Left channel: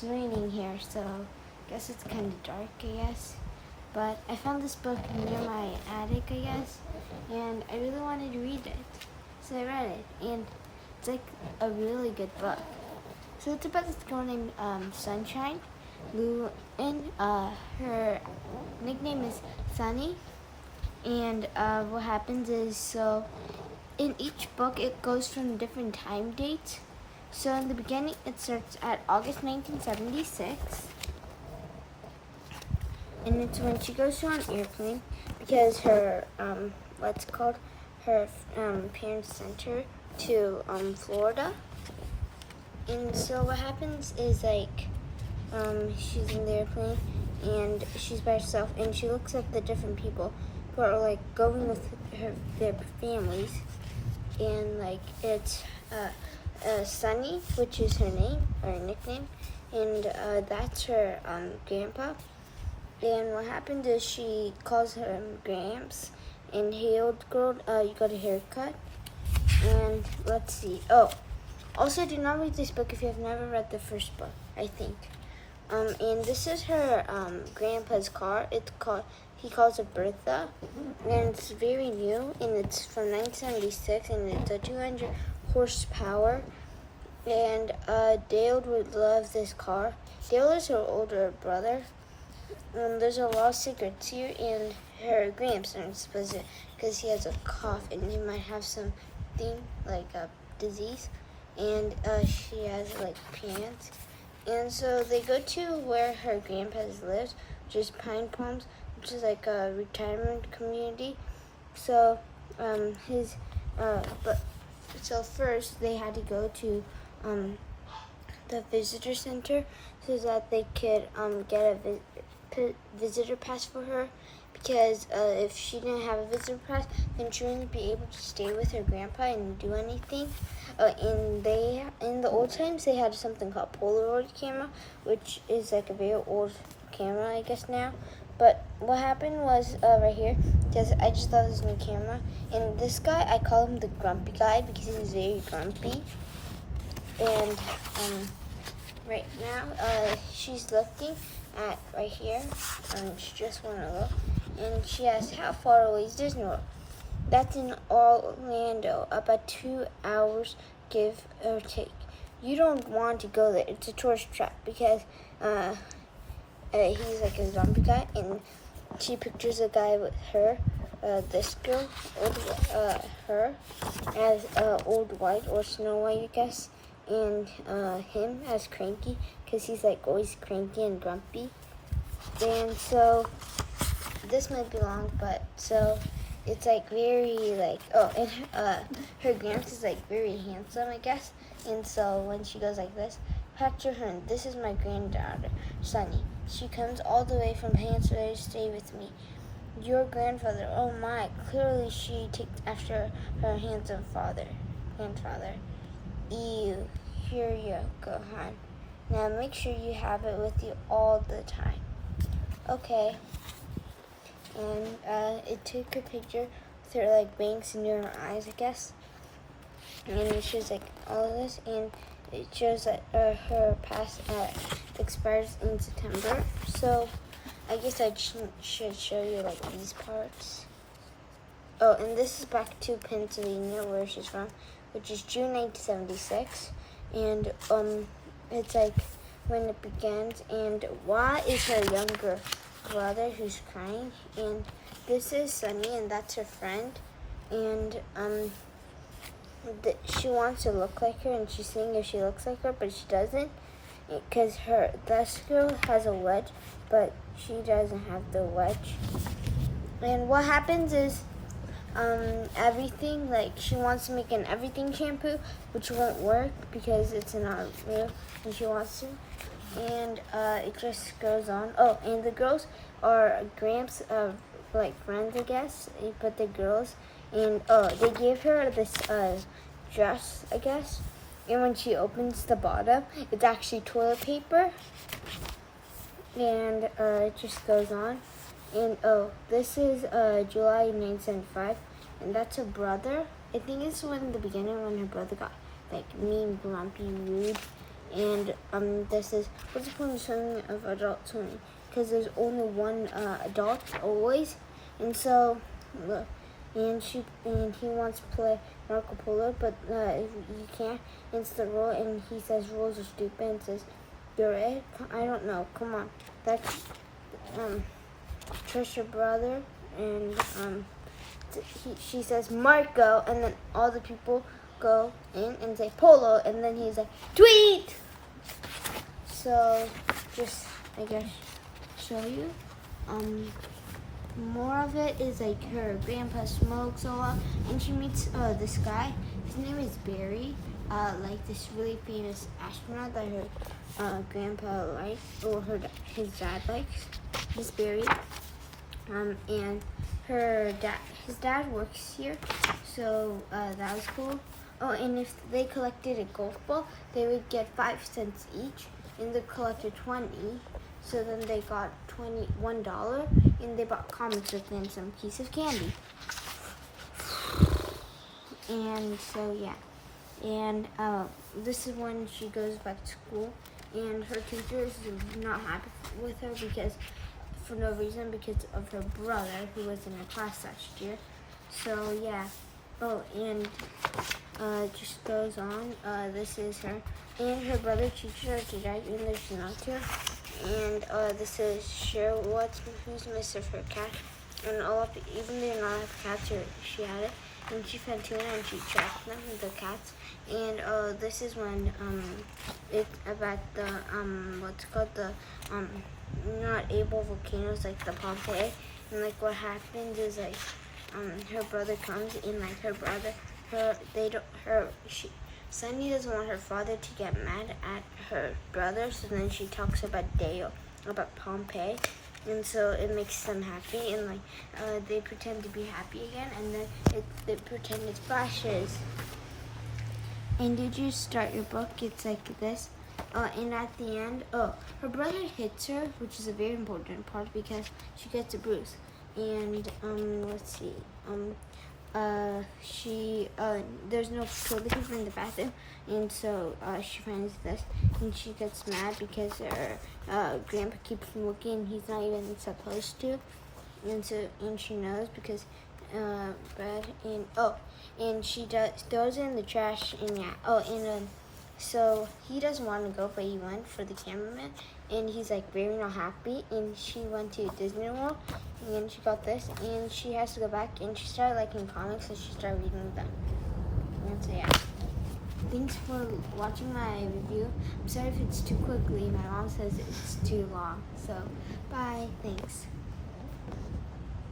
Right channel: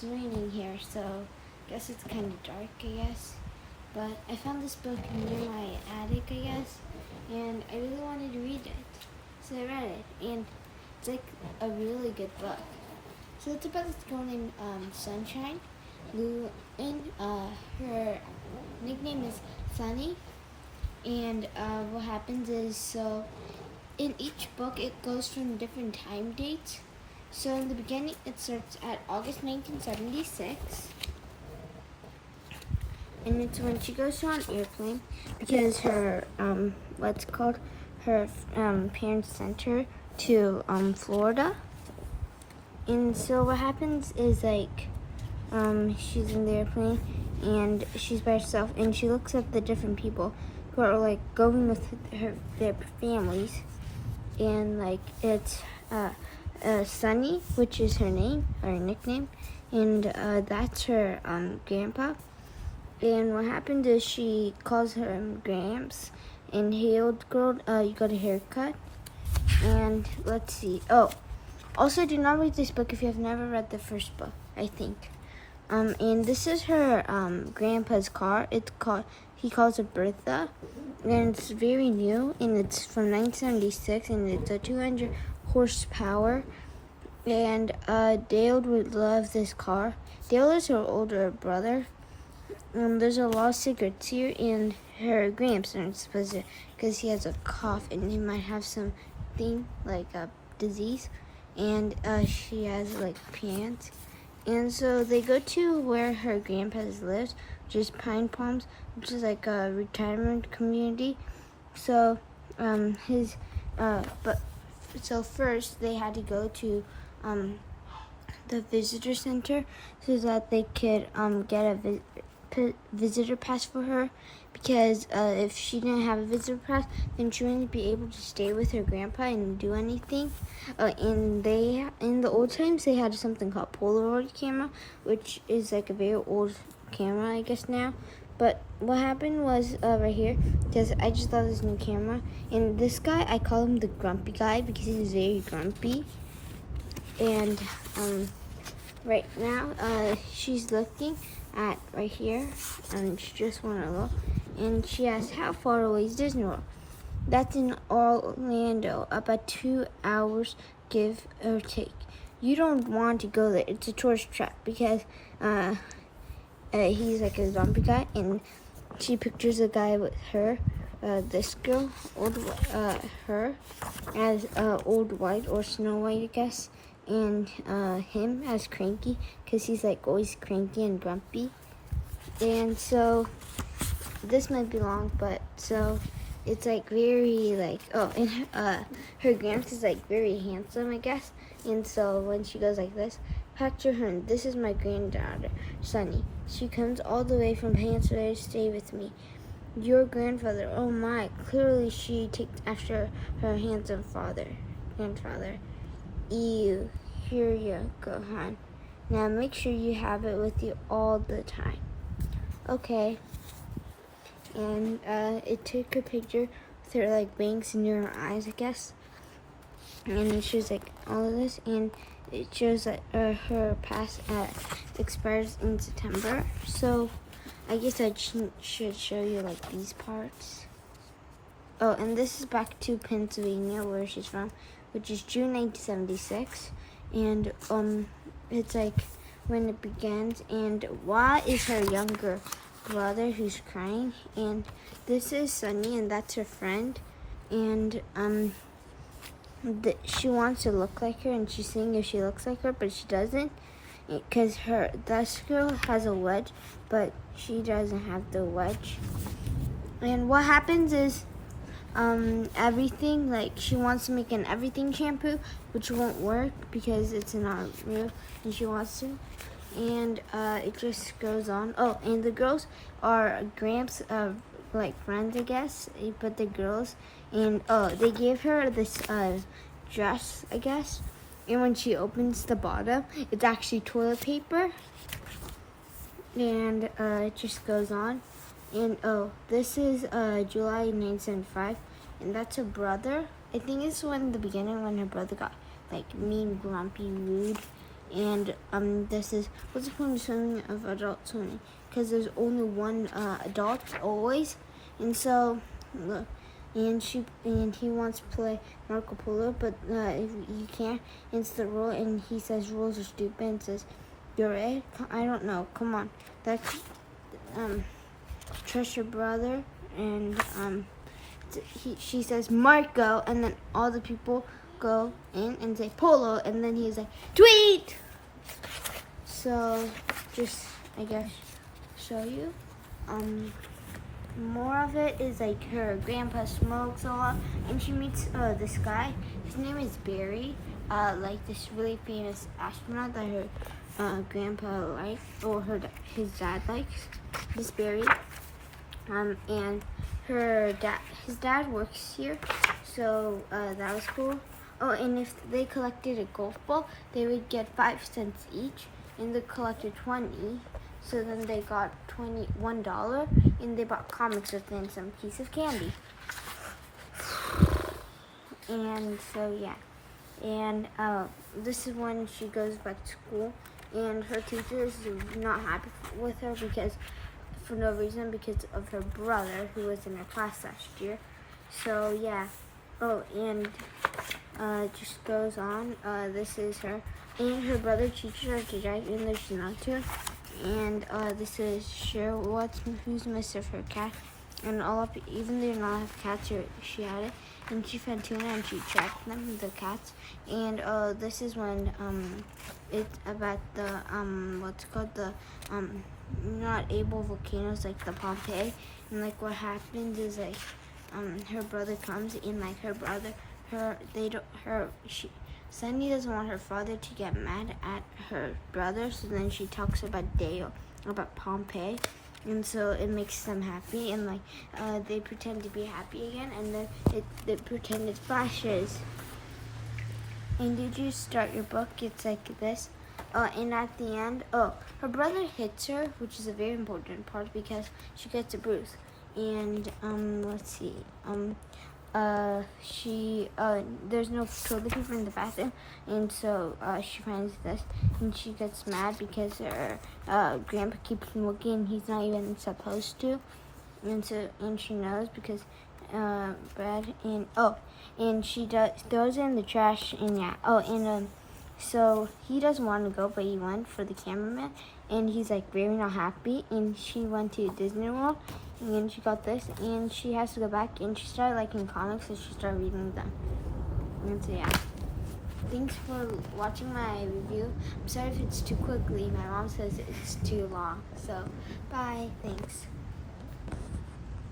it's raining here, so I guess it's kind of dark, I guess. But I found this book near my attic, I guess, and I really wanted to read it. So I read it, and it's like a really good book. So it's about this girl named Sunshine. Her nickname is Sunny. And what happens is, so in each book it goes from different time dates. So in the beginning it starts at August 1976. And it's when she goes on an airplane because her, parents sent her to Florida. And so what happens is she's in the airplane and she's by herself and she looks at the different people who are like going with their families. And it's Sunny, which is her name or nickname, and that's her grandpa. And what happened is she calls him Gramps. And hey, old girl, you got a haircut. And let's see. Oh, also do not read this book if you have never read the first book, I think. And this is her grandpa's car. He calls it Bertha, and it's very new, and it's from 1976, and it's a 200 horsepower. And Dale would love this car. Dale is her older brother. There's a lot of secrets here, and her Gramps aren't supposed to, because he has a cough, and he might have something like a disease, and she has pants. And so they go to where her grandpa lives, which is Pine Palms, which is like a retirement community. So so first they had to go to the visitor center so that they could get a visitor pass for her, because if she didn't have a visitor pass, then she wouldn't be able to stay with her grandpa and do anything. In the old times, they had something called Polaroid camera, which is like a very old camera, I guess now. But what happened was right here, because I just love this new camera, and this guy, I call him the grumpy guy because he's very grumpy. And right now, she's looking at right here, and she just want to look, and she asks, how far away is Disney World? That's in Orlando, about 2 hours, give or take. You don't want to go there. It's a tourist trap because he's like a zombie guy, and she pictures a guy with her, this girl, her, as Old White or Snow White, I guess, and him as Cranky, because he's like always cranky and grumpy. And so this might be long, but so it's like very and her Gramps is like very handsome, I guess. And so when she goes like this, picture her, and this is my granddaughter, Sunny. She comes all the way from Hansford to stay with me. Your grandfather, oh my, clearly she takes after her handsome grandfather. Ew, here you go, hon. Now make sure you have it with you all the time. Okay. And it took a picture with her bangs in her eyes, I guess. And it shows all of this, and it shows that her pass expires in September. So I guess I should show you these parts. Oh, and this is back to Pennsylvania, where she's from, which is June 1976. And it's when it begins. And why is her younger brother who's crying? And this is Sunny, and that's her friend. And she wants to look like her, and she's seeing if she looks like her, but she doesn't, because this girl has a wedge, but she doesn't have the wedge. And what happens is everything, she wants to make an everything shampoo, which won't work because it's not real, and she wants to, and it just goes on. Oh, and the girls are Gramps friends, I guess, but the girls, and they gave her this dress, I guess, and when she opens the bottom, it's actually toilet paper, and it just goes on. And this is July 1975, and that's her brother. I think it's the beginning when her brother got mean, grumpy, rude, And this is what's the point of swimming of adult swimming? Because there's only one adult always, and so and he wants to play Marco Polo, but you can't. It's the rule, and he says rules are stupid. And says you're right. I don't know. Come on, that's Trisha brother, and she says Marco, and then all the people go in and say Polo, and then he's like tweet. So just I guess show you. More of it is like her grandpa smokes a lot, and she meets this guy. His name is Barry, like this really famous astronaut that her grandpa likes, or his dad likes. This Barry, and his dad works here, so that was cool. Oh, and if they collected a golf ball, they would get 5 cents each, and they collected 20. So then they got $21, and they bought comics with and some piece of candy. And so yeah, and this is when she goes back to school, and her teacher is not happy with her because, for no reason, because of her brother who was in her class last year. So yeah. Oh, and it just goes on. This is her, and her brother teaches her to drive, and there's not to. And this is Cheryl Watson, who's Mr. for a cat. And even though you're not a cat, she had it. And she found tuna, and she tracked them with the cats. And this is when it's about the what's called the not able volcanoes, like the Pompeii. And like what happens is like her brother comes in, like Sunny doesn't want her father to get mad at her brother, so then she talks about Pompeii, and so it makes them happy, and like they pretend to be happy again, and then they pretend it flashes. And did you start your book? It's like this. And at the end, her brother hits her, which is a very important part because she gets a bruise. And let's see. There's no toilet paper in the bathroom, and so she finds this, and she gets mad because her grandpa keeps smoking, and he's not even supposed to, and she knows because Brad and she throws it in the trash, and yeah. So he doesn't want to go, but he went for the cameraman, and he's like very not happy. And she went to Disney World, and she got this, and she has to go back, and she started liking comics, so she started reading them. And so yeah. Thanks for watching my review. I'm sorry if it's too quickly. My mom says it's too long. So bye. Thanks.